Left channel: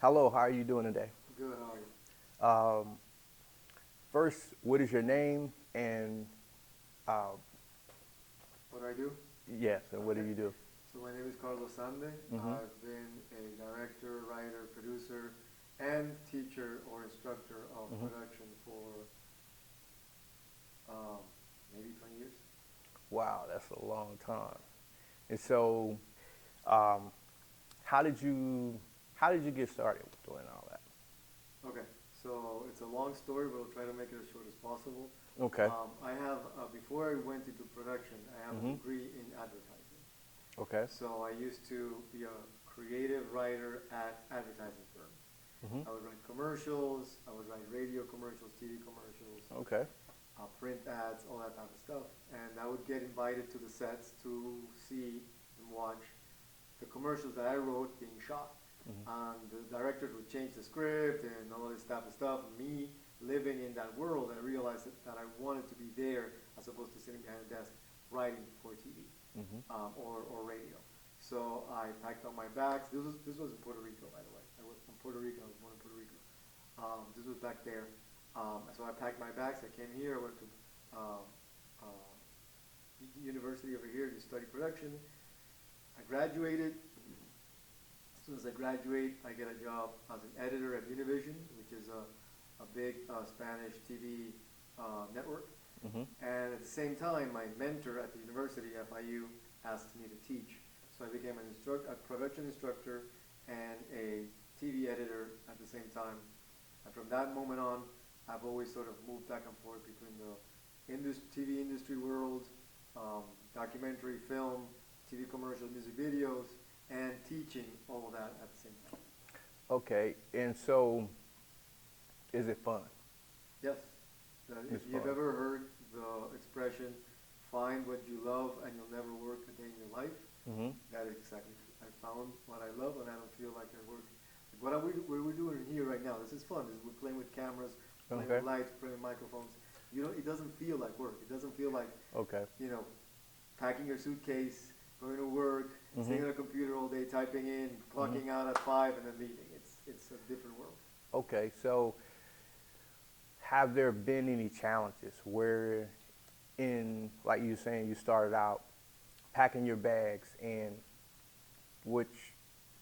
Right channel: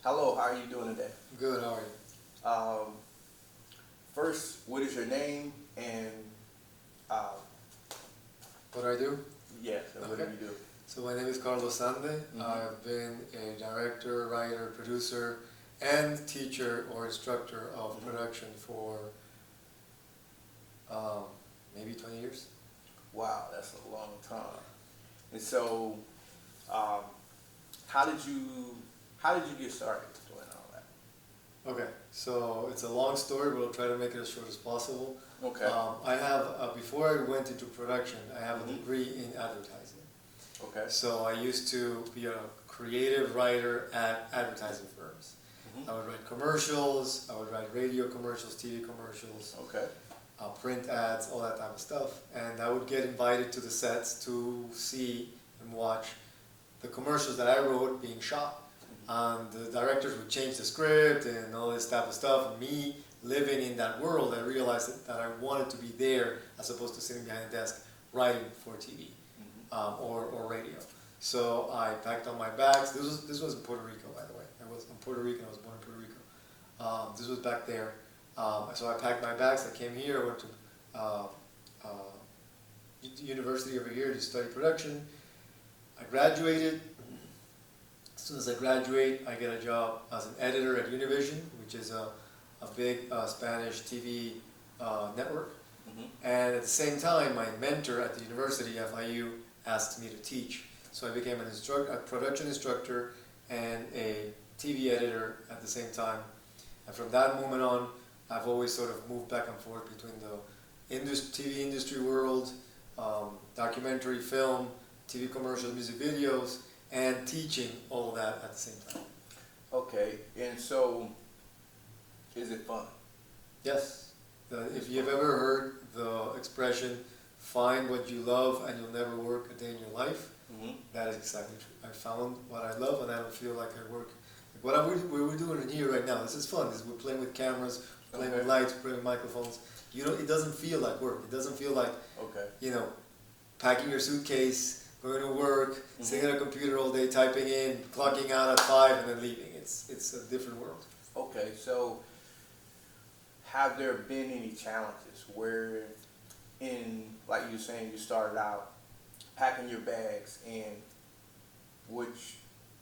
Hello, how are you doing today? Good, how are you? Um, First, what is your name and uh, What do I do? yes, and what do Okay. you do? So my name is Carlos Sande. Mm-hmm. I've been a director, writer, producer, and teacher or instructor of Mm-hmm. production for um, maybe 20 years. Wow, that's a long time. And so, um, how did you how did you get started doing all that? Okay, so it's a long story, but I'll try to make it as short as possible. Okay. Before I went into production, I have a Mm-hmm. degree in advertising. Okay. So I used to be a creative writer at advertising firms. Mm-hmm. I would write commercials, I would write radio commercials, TV commercials, Okay. print ads, all that type of stuff. And I would get invited to the sets to see and watch the commercials that I wrote being shot. And the directors would change the script and all this type of stuff. And me living in that world, I realized that I wanted to be there as opposed to sitting behind a desk writing for TV Mm-hmm. or radio. So I packed on my bags. This was in Puerto Rico, by the way. I'm Puerto Rican. I was born in Puerto Rico. This was back there. So I packed my bags. I came here. I went to uh, uh, university over here to study production. I graduated. As soon as I graduate, I get a job as an editor at Univision, which is a big Spanish TV network. Mm-hmm. And at the same time, my mentor at the university, FIU, asked me to teach. So I became a production instructor and a TV editor at the same time. And from that moment on, I've always sort of moved back and forth between the TV industry world, documentary, film, TV commercials, music videos, and teaching all of that at the same time. Okay. And so, is it fun? Yes. It's If you've fun. ever heard the expression, find what you love and you'll never work a day in your life, Mm-hmm. that is exactly true. I found what I love and I don't feel like I work. We're doing in here right now, this is fun. We're playing with cameras, playing Okay. with lights, playing with microphones. It doesn't feel like work. It doesn't feel like, Okay. you know, packing your suitcase, going to work, Mm-hmm. sitting at a computer all day, typing in, clocking out at 5 and then leaving. It's a different world. Okay. So, have there been any challenges where, like you were saying, you started out packing your bags, and which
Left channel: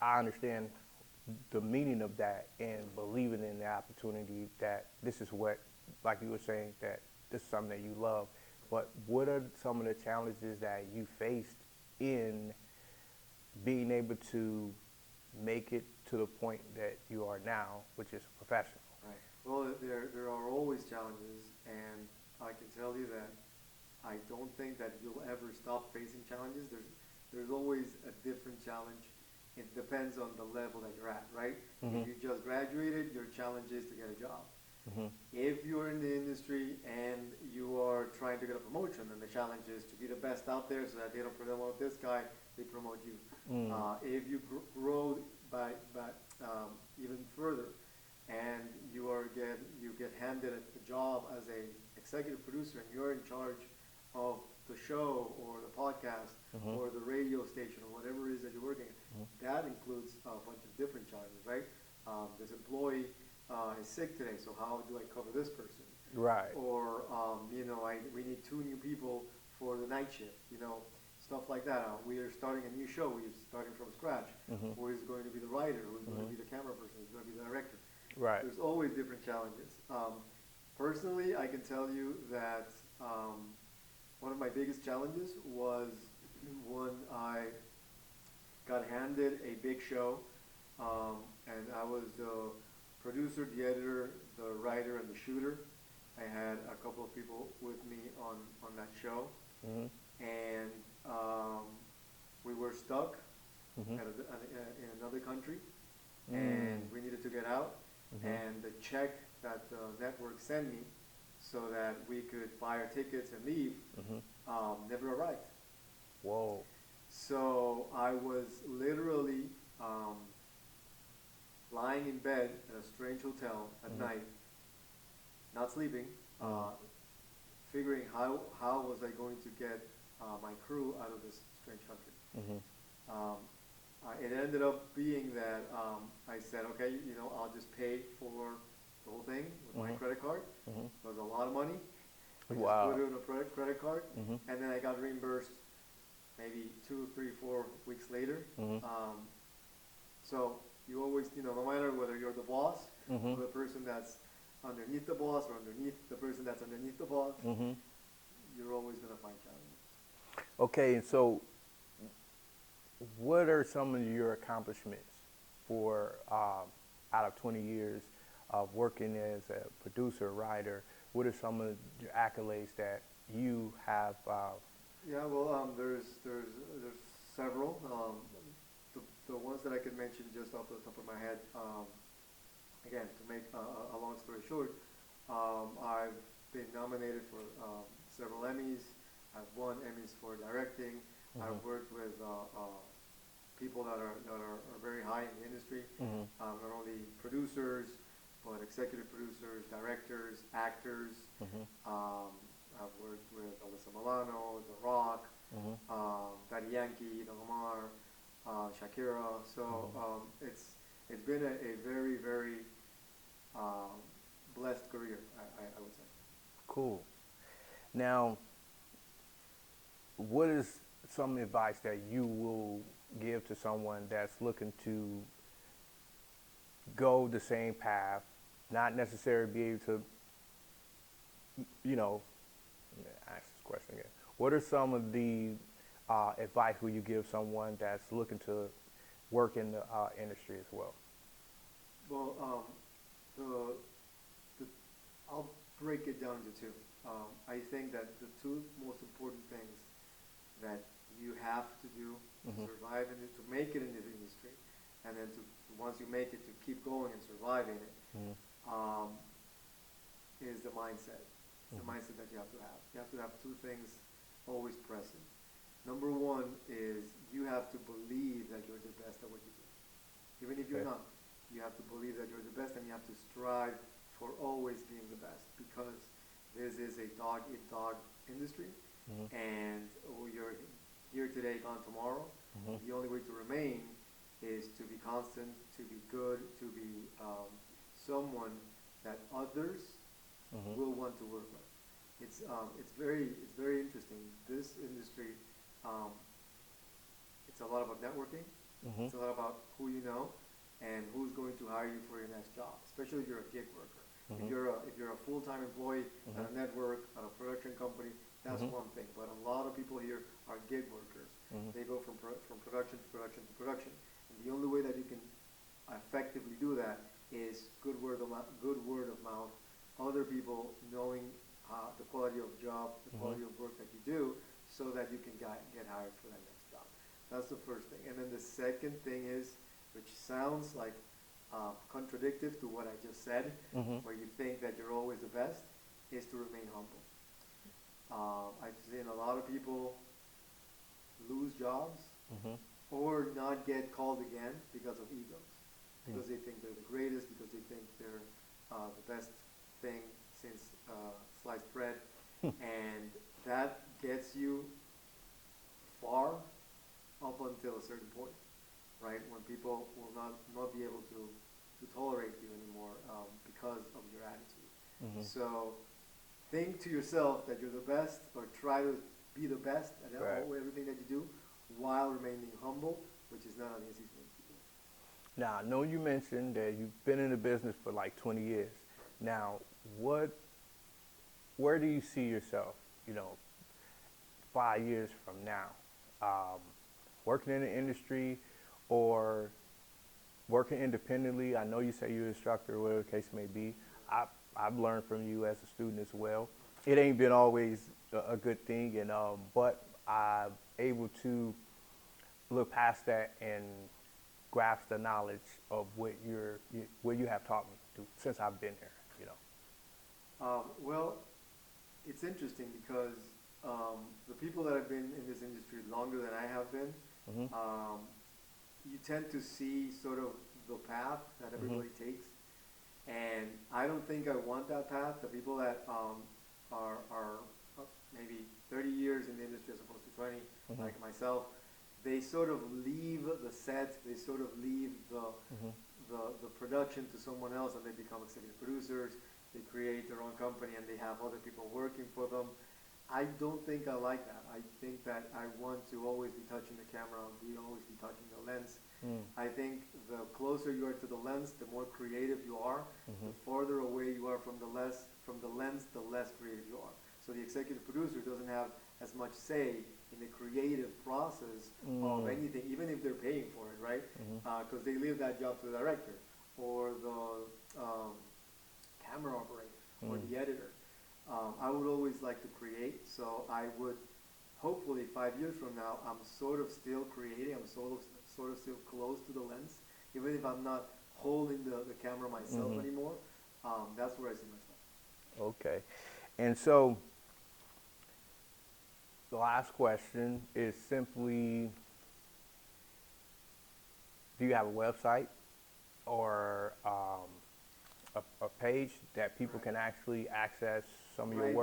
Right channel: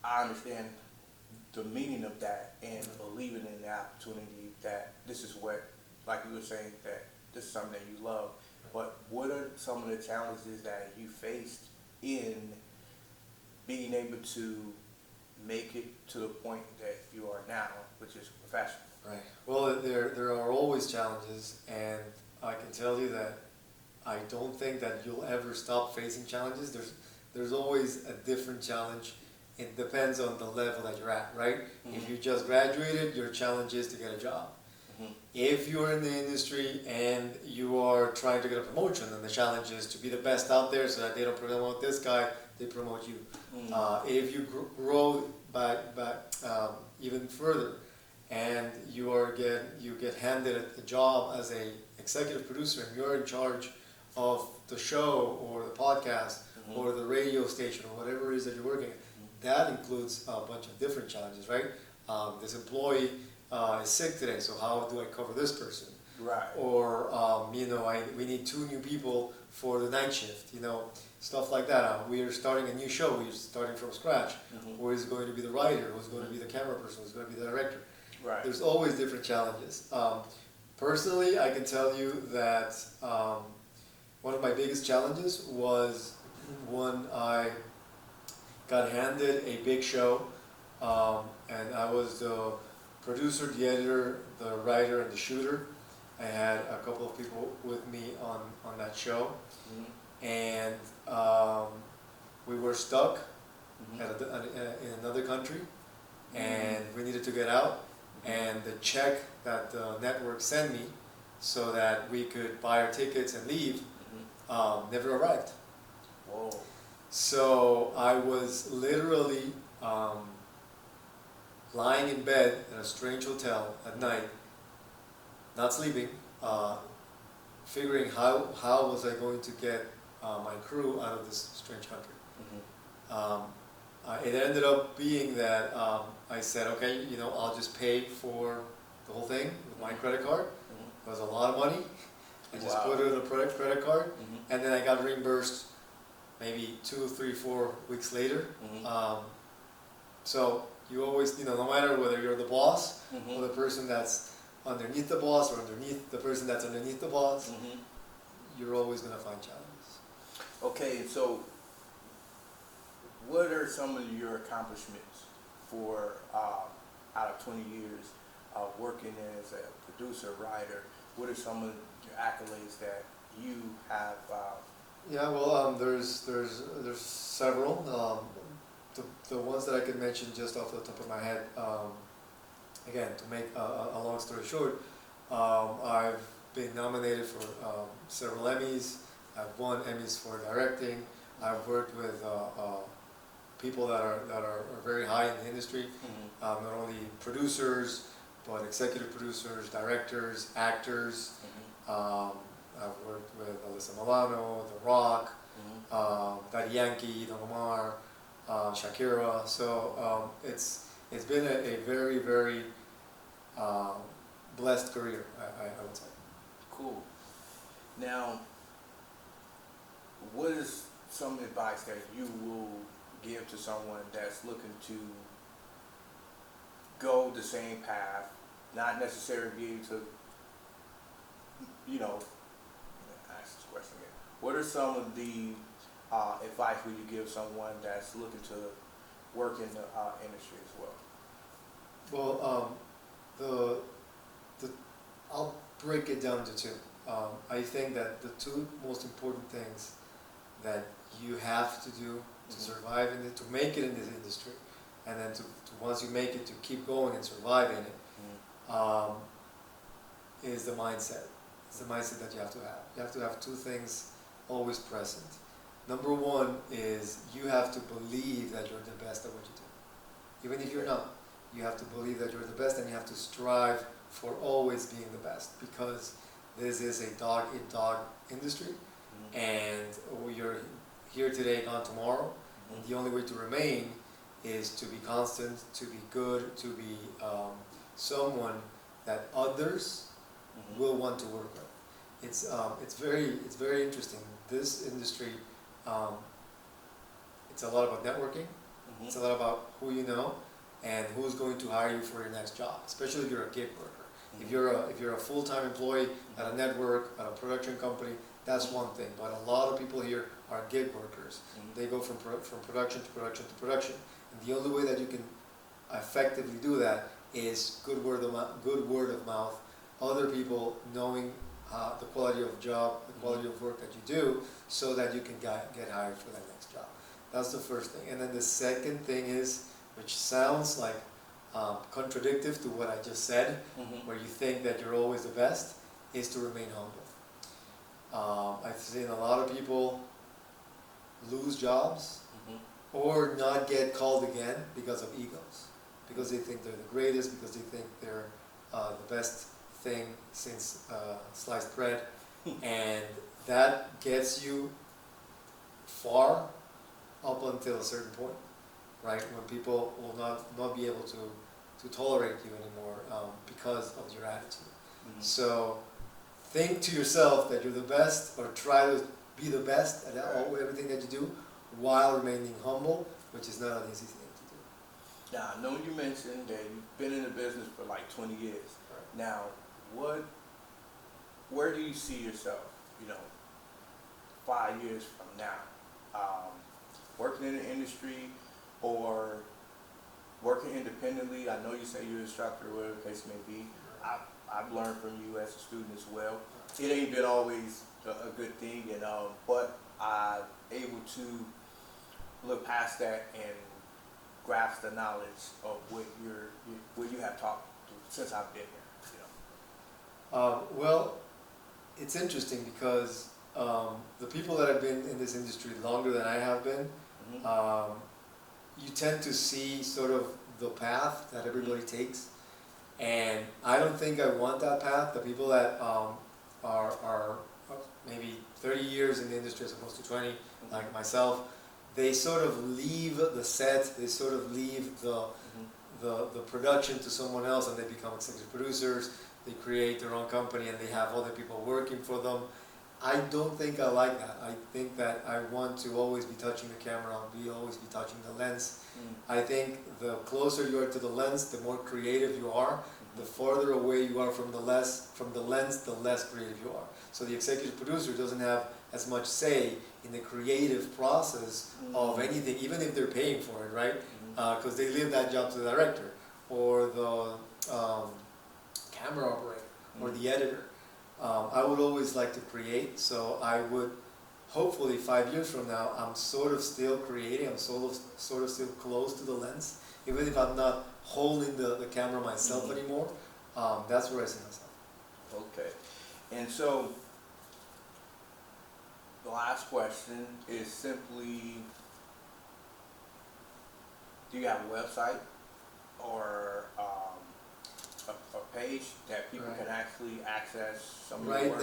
I understand the meaning of that and believing in the opportunity that this is what, like you were saying, that this is something that you love. But what are some of the challenges that you faced in being able to make it to the point that you are now, which is professional? Right. Well, there are always challenges, and I can tell you that I don't think that you'll ever stop facing challenges. There's always a different challenge. It depends on the level that you're at, right? Mm-hmm. If you just graduated, your challenge is to get a job. Mm-hmm. If you're in the industry and you are trying to get a promotion, then the challenge is to be the best out there so that they don't promote this guy, they promote you. Mm-hmm. If you grow back even further, and you get handed a job as a executive producer, and you're in charge of the show or the podcast Mm-hmm. or the radio station or whatever it is that you're working at. That includes a bunch of different challenges, right? This employee is sick today, so how do I cover this person? Right. Or we need 2 new people for the night shift, stuff like that. We are starting a new show. We're starting from scratch. Mm-hmm. Who is going to be the writer? Who's going to be the camera person? Who's going to be the director? Right. There's always different challenges. Personally, I can tell you that one of my biggest challenges was when I got handed a big show, and I was the producer, the editor, the writer, and the shooter. I had a couple of people with me on that show, Mm-hmm. and we were stuck Mm-hmm. in another country, Mm-hmm. and we needed to get out. Mm-hmm. And the check that the network sent me so that we could buy our tickets and leave never arrived. Whoa. So I was literally lying in bed at a strange hotel at night, not sleeping, figuring how was I going to get my crew out of this strange country. Mm-hmm. Um, It ended up being that I said, okay, I'll just pay for the whole thing with my credit card. Mhm. It was a lot of money. I just Wow. put it in a credit card, Mhm. and then I got reimbursed maybe 2, 3, 4 weeks later. Mhm. So you always, no matter whether you're the boss or Mhm. the person that's underneath the boss or underneath the person that's underneath the boss, Mhm. you're always going to find challenges. Okay, and so what are some of your accomplishments for out of 20 years of working as a producer, writer? What are some of your accolades that you have? Yeah, well, there's several. The ones that I could mention just off the top of my head. Again, to make a long story short, I've been nominated for several Emmys. I've won Emmys for directing. I've worked with people that are very high in the industry, Mhm. not only producers, but executive producers, directors, actors. Mhm. I've worked with Alyssa Milano, The Rock, Mhm. Daddy Yankee, Don Omar, Shakira. So it's been a very, very um, blessed career, I would say. Cool. Now, what is some advice that you will give to someone that's looking to go the same path, not necessarily be able to, you know, ask this question again. What are some of the advice will you give someone that's looking to work in the industry as well? Well, the I'll break it down to two. I think that the two most important things that you have to do to Mhm. survive in it, to make it in this industry, and then to once you make it, to keep going and survive in it, Mhm. um, is the mindset. It's the Mhm. mindset that you have to have. You have to have two things always present. Number one is you have to believe that you're the best at what you do. Even if you're Okay. not, you have to believe that you're the best, and you have to strive for always being the best, because this is a dog eat dog industry, Mhm. and you're here today, gone tomorrow. Mhm. The only way to remain is to be constant, to be good, to be someone that others Mhm. will want to work with. It's very interesting. This industry, um, it's a lot about networking. Mhm. It's a lot about who you know and who's going to hire you for your next job, especially if you're a gig worker. Mhm. If you're a full-time employee at a network, at a production company, that's Mhm. one thing. But a lot of people here are gig workers. Mhm. They go from production to production to production. And the only way that you can effectively do that is good word of mouth, other people knowing the quality of job, the quality of work that you do, so that you can get hired for that next job. That's the first thing. And then the second thing is, which sounds like contradictory to what I just said, Mhm. where you think that you're always the best, is to remain humble. I've seen a lot of people lose jobs Mhm. or not get called again because of egos, because they think they're the greatest, because they think they're the best thing since sliced bread, and that gets you far up until a certain point, right? When people will not be able to tolerate you anymore because of your attitude. Mhm. So think to yourself that you're the best, or try to be the best at everything that you do, while remaining humble, which is not an easy thing to do. Now, I know you mentioned that you've been in the business for like 20 years. Now, where do you see yourself, you know, 5 years from now? Working in the industry or working independently? I know you say you're an instructor, whatever the case may be. I've learned from you as a student as well. It ain't been always a good thing, but I'm able to look past that and grasp the knowledge of what you have taught me since I've been there. Well, it's interesting because the people that have been in this industry longer than I have been, Mhm. you tend to see sort of the path that everybody takes, and I don't think I want that path. The people that are maybe 30 years in the industry as opposed to 20, like myself, they sort of leave the set, they sort of leave the production to someone else, and they become executive producers. They create their own company and they have other people working for them. I don't think I like that. I think that I want to always be touching the camera, always be touching the lens. I think the closer you are to the lens, the more creative you are. The farther away you are from the lens, the less creative you are. So the executive producer doesn't have as much say in the creative process of anything, even if they're paying for it, right? Because they leave that job to the director or the camera operator or the editor. I would always like to create, so I would, hopefully 5 years from now, I'm sort of still creating, I'm sort of still close to the lens, even if I'm not holding the camera myself anymore. That's where I see myself. Okay. And so, the last question is simply, do you have a website or a page that people can actually access some of your Right work?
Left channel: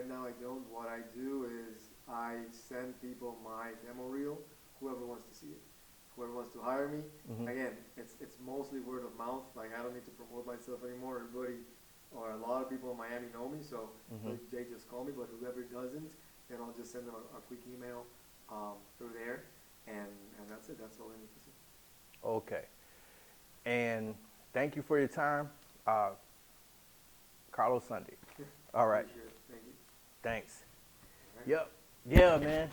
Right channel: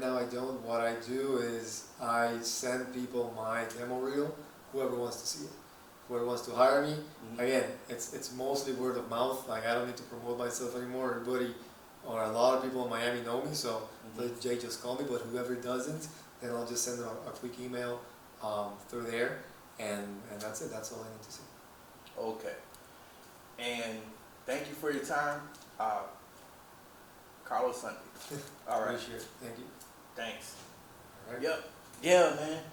now I don't. What I do is I send people my demo reel, whoever wants to see it. Whoever wants to hire me, again, it's mostly word of mouth. Like, I don't need to promote myself anymore. Everybody, or a lot of people in Miami know me, so Jay just call me. But whoever doesn't, then I'll just send them a quick email through there, and that's it. That's all I need to say. Okay. And thank you for your time, Carlos Sande. All right. Appreciate it. Thank you. Thanks. All right. Yep. Yeah, man.